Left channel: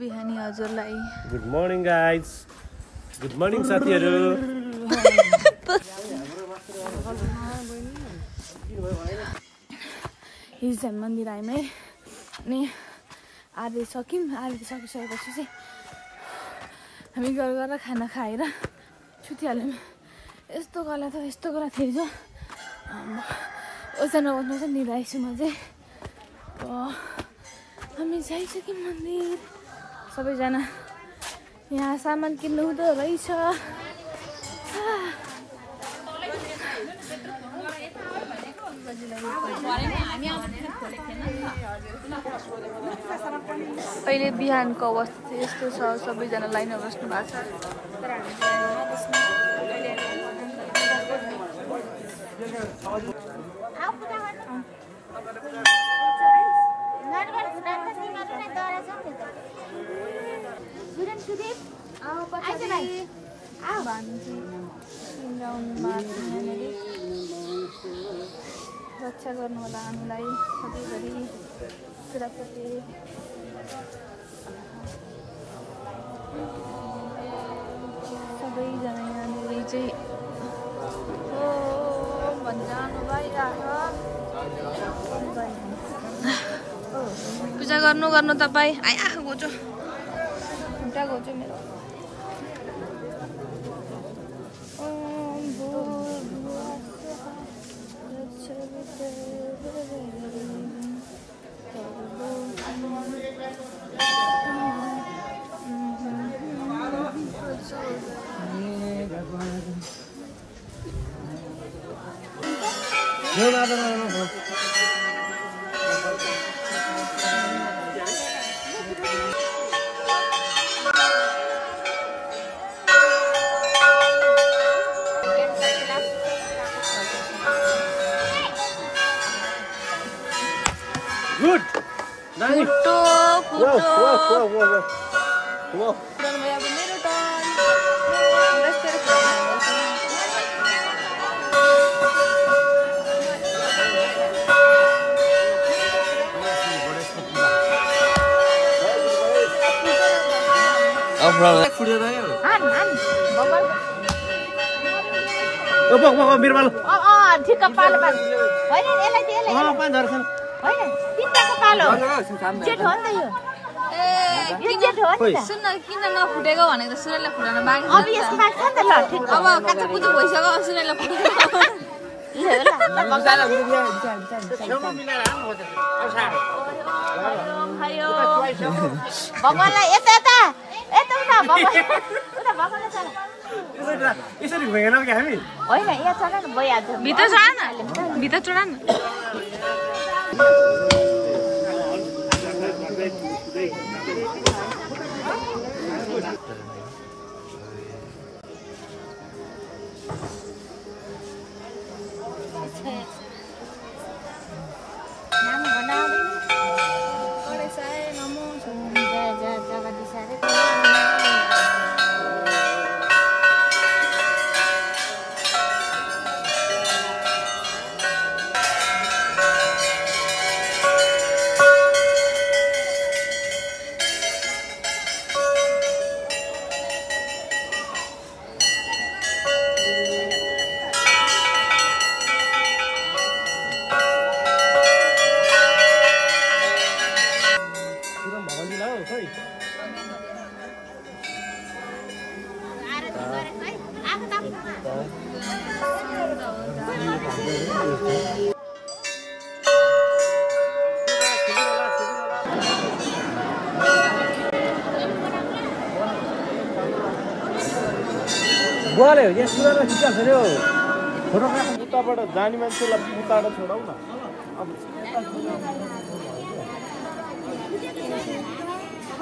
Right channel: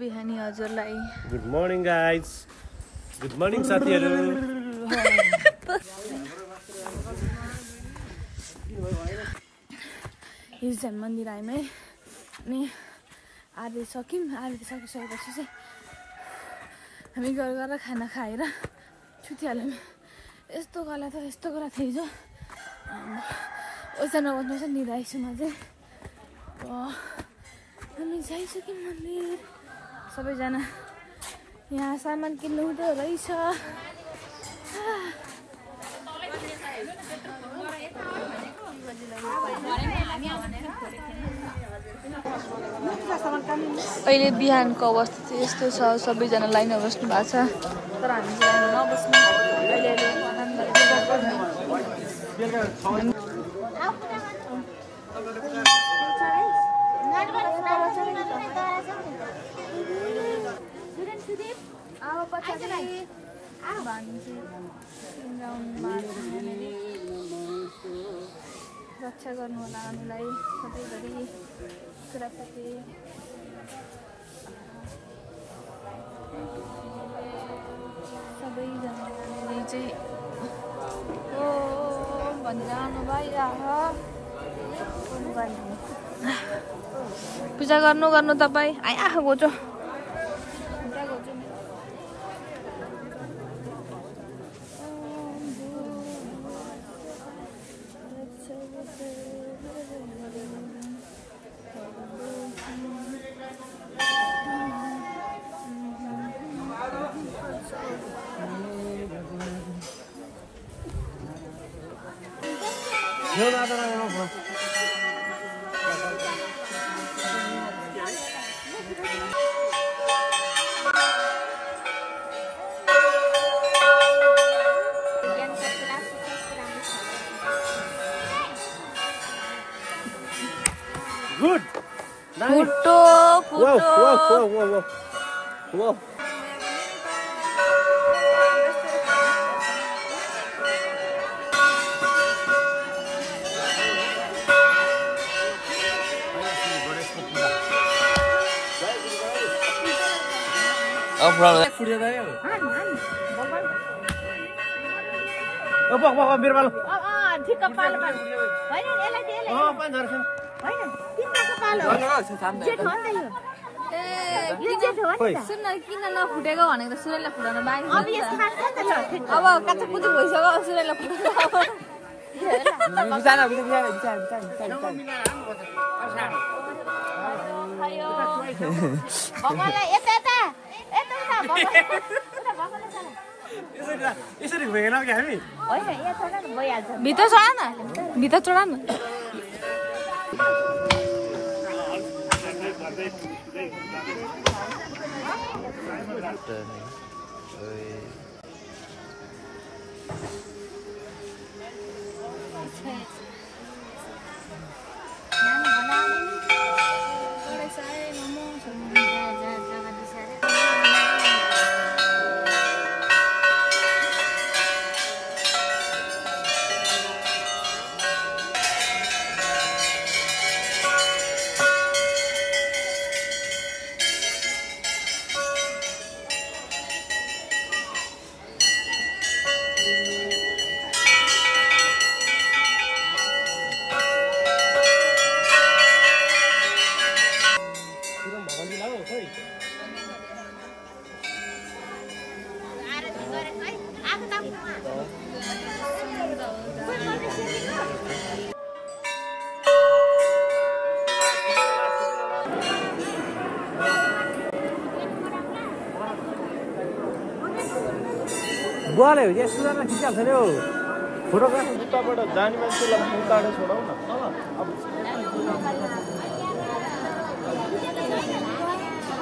बिहानी हजुरलाई good morning guys good morning साथीहरु हिजो चाहिँ मन्दिर आयौँ है अनि आरती सक्यौँ आरती सकिसकेपछि चाहिँ हामी घर गएर खाना खाएर छुटिहाल्यौँ यस्तो गला थियो हिजो ओछानमा बस्नु चाहिँ निधाइछु म चाहिँ हामी जाइसक्यौँ मन्दिर सबैजना यहाँ सामान किन्नु हुँदो रहेछ अहिले बिहानको अवस्था चाहिँ यस्तो छ सबैजना लाइनमा बस्नु भएको छ तर हामी चाहिँ लाइनमा नबस्नु अहिले रक्षा गर्नु होला हामीलाई सधैँभरि कुराप्रति सबैजनाले चाहिँ हो भनिरहनु भइरह्यो पूजा गर्नु तपाईँ आइआएको गोचो त्यहाँ गोचो मेरो सुन्न किन नफुटेको भनेको त सुरैलाई फुटाउन बाँकी अब काँचो कुचो भइसक्यो सुरैलाई फुटेको भित्र चढा न बोले हो यहाँ सुरुवातमा खिचिहाल्छ नि हो फोटोग्राफर जुत्ताबाट जाने मान्छेलाई मुक्ताबाट छोडाउ न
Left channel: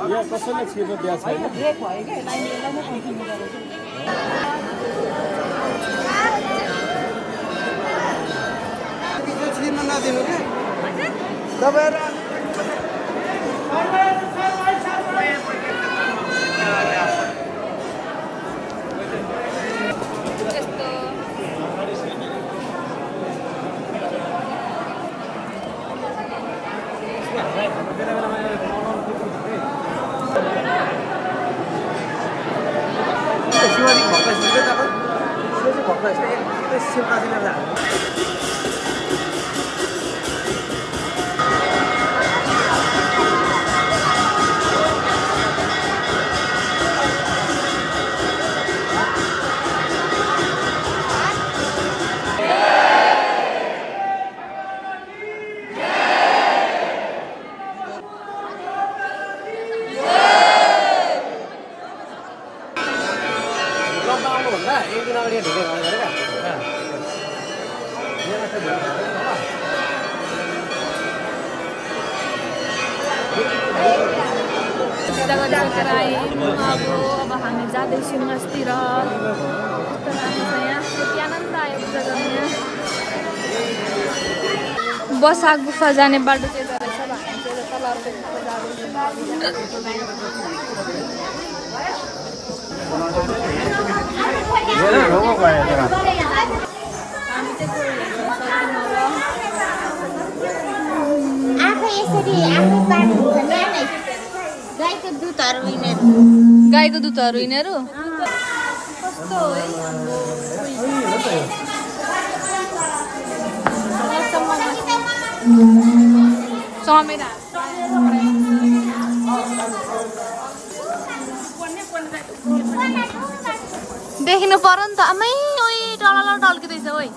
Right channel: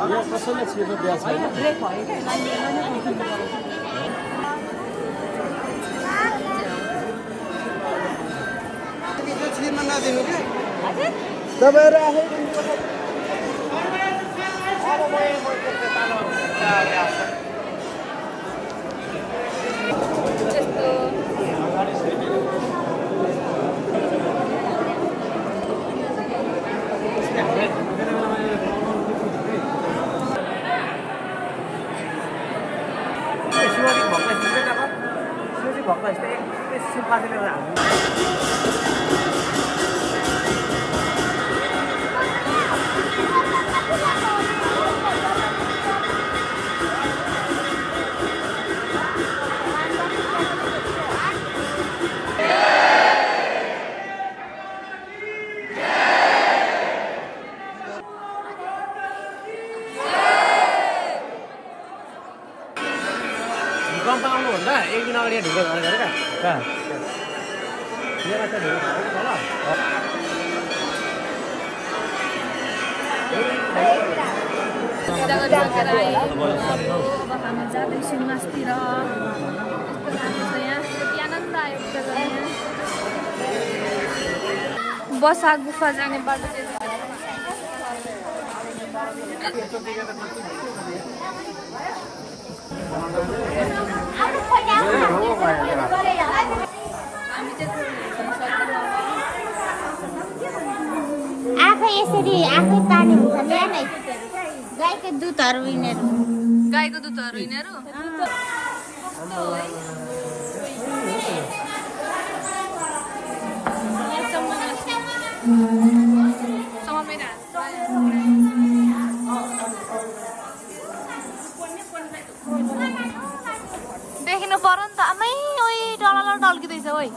यहाँ कसैलाई छिर्नु दिएको छैन छिर्न नदिनु के तपाईँहरू पूजा गरिसकेर आयौँ अब हामी जाँदैछौँ मासतिर कस्तो राम्रो छ यहाँ कति आनन्द आयो पूजा गर्ने यहाँ बसा गुफा जाने बाटो चाहिँ हामी गाईको दुधहरू यिनीहरू देख्नु पर्यो नि त आमै ओइ डल टल्किँदैछ ओइ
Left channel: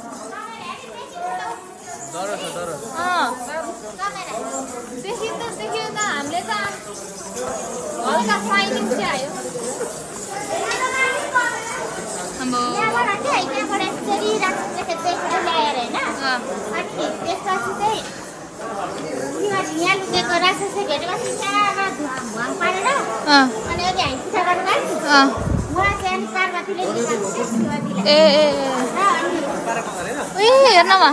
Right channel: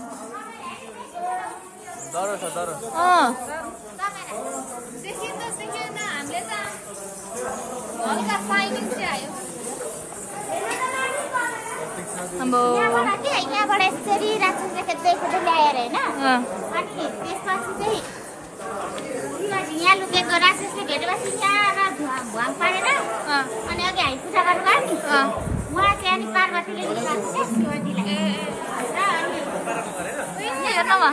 देखियो त हामीले त हल्का साइनिङ चाहिँ आयो यहाँ लुकेको राक्षसले भेटेपछि यहाँ भुवाङ पारेर अनि अघि हामी पूजा गर्नु गयो नि उहाँ चाहिँ अनि पार्वतीले ए हेर्नमा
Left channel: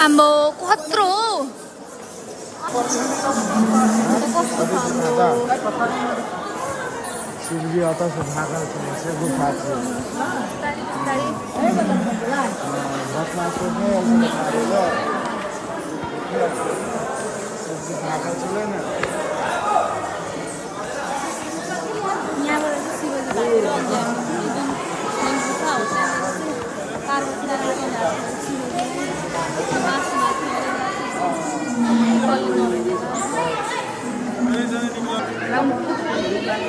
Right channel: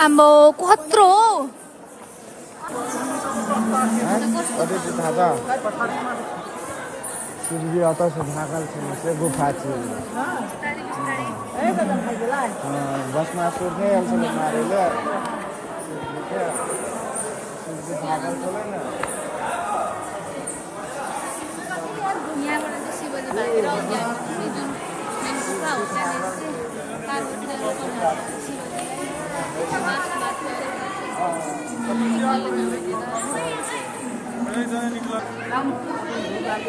आम्बो कत्रो हो कस्तो छ आम्बो शिवजी आता से भागल से गुफा से बिस्तारी बिस्तारी यहाँबाट चाहिँ शिवजी भागेर अघि हामी जुन मेन गुफा हो त्यहाँनिर चाहिँ पार्वतीले लुकाउनु भएको छ शिवजीलाई बाँच्नु भएको थियो अरे कसले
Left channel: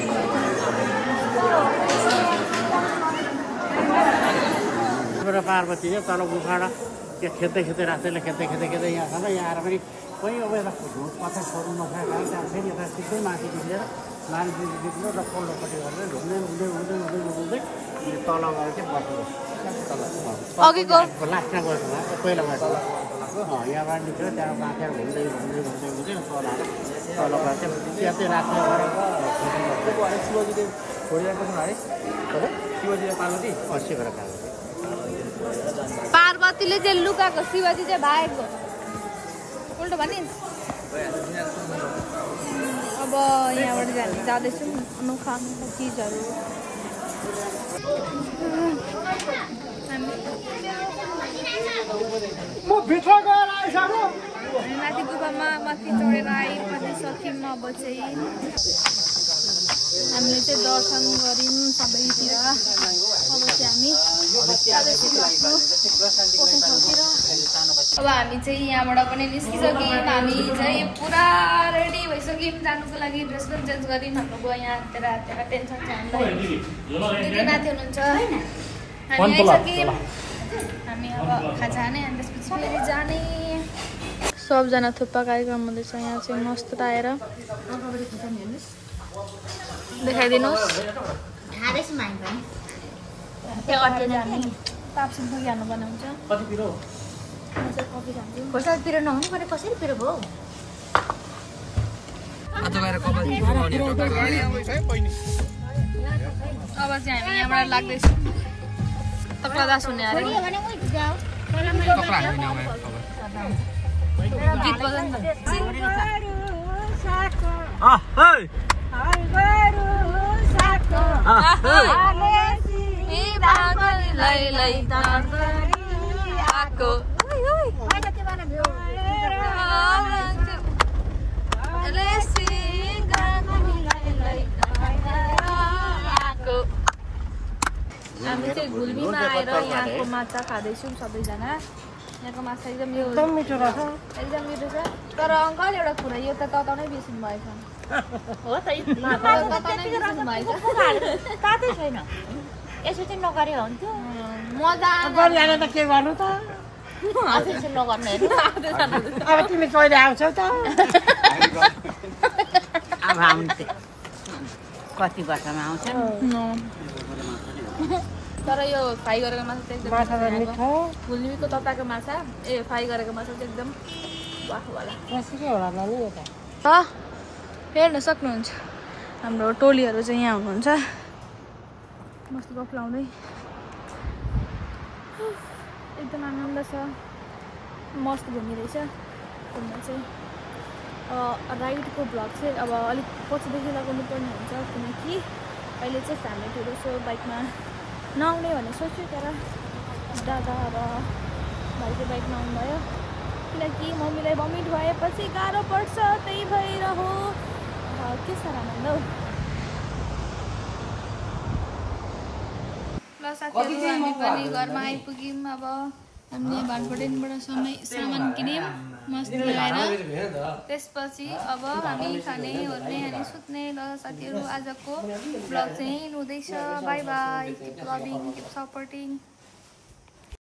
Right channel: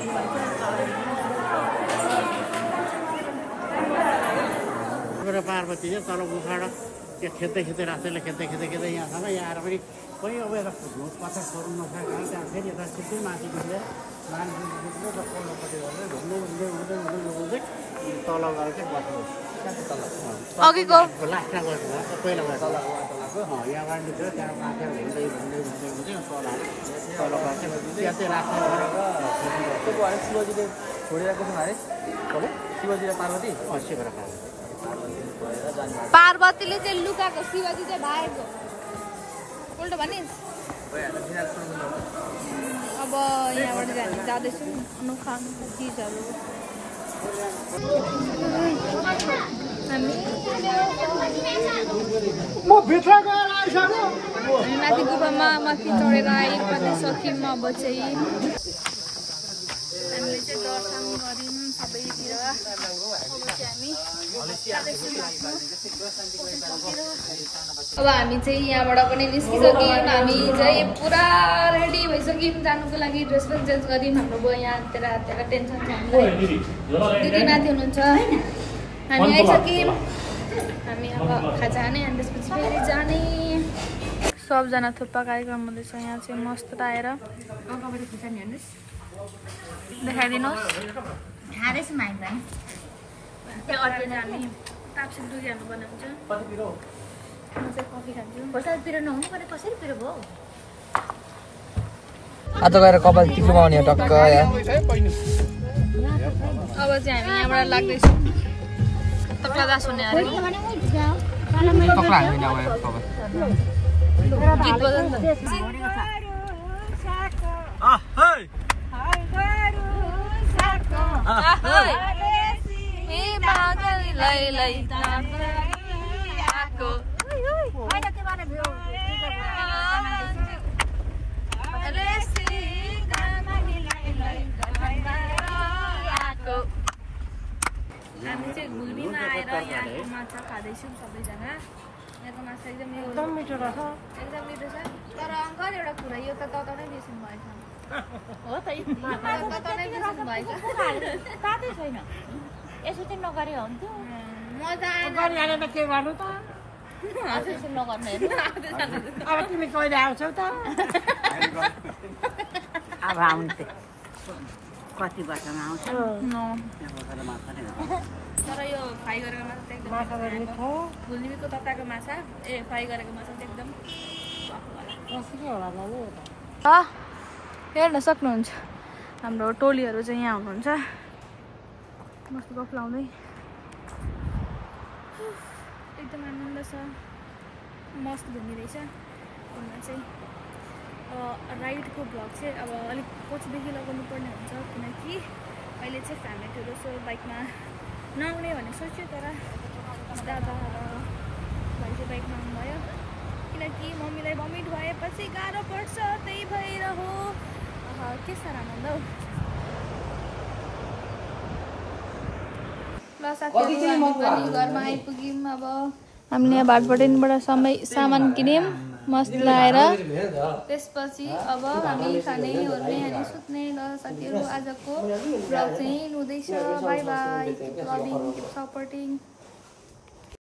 नभेटेर पार्वती चाहिँ तल गुफाबाट त्यो खेद्दै राष्ट्रले खेद्दै यहाँसम्म यहाँ आएर पनि कोही अब यता झोक पत्थर छोड्नु नसकेको कारण त्यहाँ फेरि यता सिधै माथि निस्केर मान्छे निस्कियो र पल्लोपट्टि गरेर घुम्दै तल गएर चाहिँ बसेको अघिको लास्टमा गएको पहिला गएको यहाँबाट निस्केर त्यहाँ माथेर घुम्दै तल आएर तल गएर चाहिँ त्यतै राख्ने गरेर शिवजीले छोडिरहेको छ है शिवजी र पार्वती शिव र पार्वती पार्वतीले चाहिँ लुकाएको शिवजी चाहिँ भागेको उल्टो भनिस् अब यहाँबाट चाहिँ हामी जाँदैछौँ अनोखा चिजहरू माथि गुफामा माथि चढेर आइसक्यौँ अब चाहिँ हामीले चाहिँ दर्शन गऱ्यौँ सबैतिर अब चाहिँ हामी जाँदैछौँ आफ्नो पस्ने ठाउँतिर अब हामी चाहिँ यहाँबाट पनि निस्किसक्यौँ हामी चाहिँ पुरा रेडी भइसक्यौँ जानुको लागि ड्रेस पनि चेन्ज गऱ्यौँ हाम्रो बुवा यहाँतिर टेन्सन छ हामीलाई दिदी माथि हुनुहुन्छ हामी आइसक्यौँ हामी अब खाजा खाने अनि त्यसपछि फेरि जाने सबजना थुक्पा कार्यक्रम हुँदैछ यहाँ चाहिँ मस्त आएर देखाइदिनुहोस् जाने तापसिङ जानुपर्ने हुन्छ म चाहिँ कफी खान्छु आज गएर कपाल टिप्नु पाउने हो टक्क अब चाहिँ हामी यहाँबाट लाग्दैछौँ तक्लादास हुने अरे गीत बजाउँ न हामी चाहिँ घुल्मीमा आएर यहाँको माछा खाँदैछौँ सबैजना। यहाँको माछा एकदम मिठो छ। एकदम मिठो छ। तर अङ्कल एउटा कुरा, यो त तताउनै बिर्सिनु भएछ। हो त तताउनै बिर्सिनु भएछ। तातै छैन। यसो चाहिँ नगरे हुन्थ्यो। मजा गरिहाले त के गर्नु त? त्यसो नगर्नु अब तिमी कहिले आउँछौ त? अब आउँथे कति वर्षमा आउँछ? तर यो फ्राई गरेको माछा चाहिँ एकदम घुल्मीको तताएको माछा फ्राई गरेको माछा चाहिँ एकदम वाहवाला। हेर्न सक्नुहुन्छ हाम्रो टोलीहरू चाहिँ यहाँ हुनुहुन्छ। मस्त गफ लाउँदै एकदम आनन्द छ। मस्त घुमिरहेछ। घुम्न चाहिँ राइडको भ्लग चाहिँ अब अलिक पछिदेखि लगाउनु पर्ने हुन्छ, किनकि अहिले चाहिँ फ्यामिली टुर सो बाइकमा नआउने भन्ने सोच्यो। तर दादा र भाइ चाहिँ बाइकमा आउनुभयो, किनकि मम्मीलाई भमिट भएपछि गाह्रो पर्छ, त्यही भएर हो। के साह्रो आनन्द हौ। ल साथीहरू हामी पनि घरमा आइपुग्यौँ। अब हामीले यहाँ भाटबटेनबाट सामान किन्यौँ मस्त लगाएर। त्यसपछि अब हामी खाने ओर्ने अनि सुत्ने। ल साथीहरू आजको भ्लग चाहिँ हुँदैछ। By by. Keep loving, keep supporting.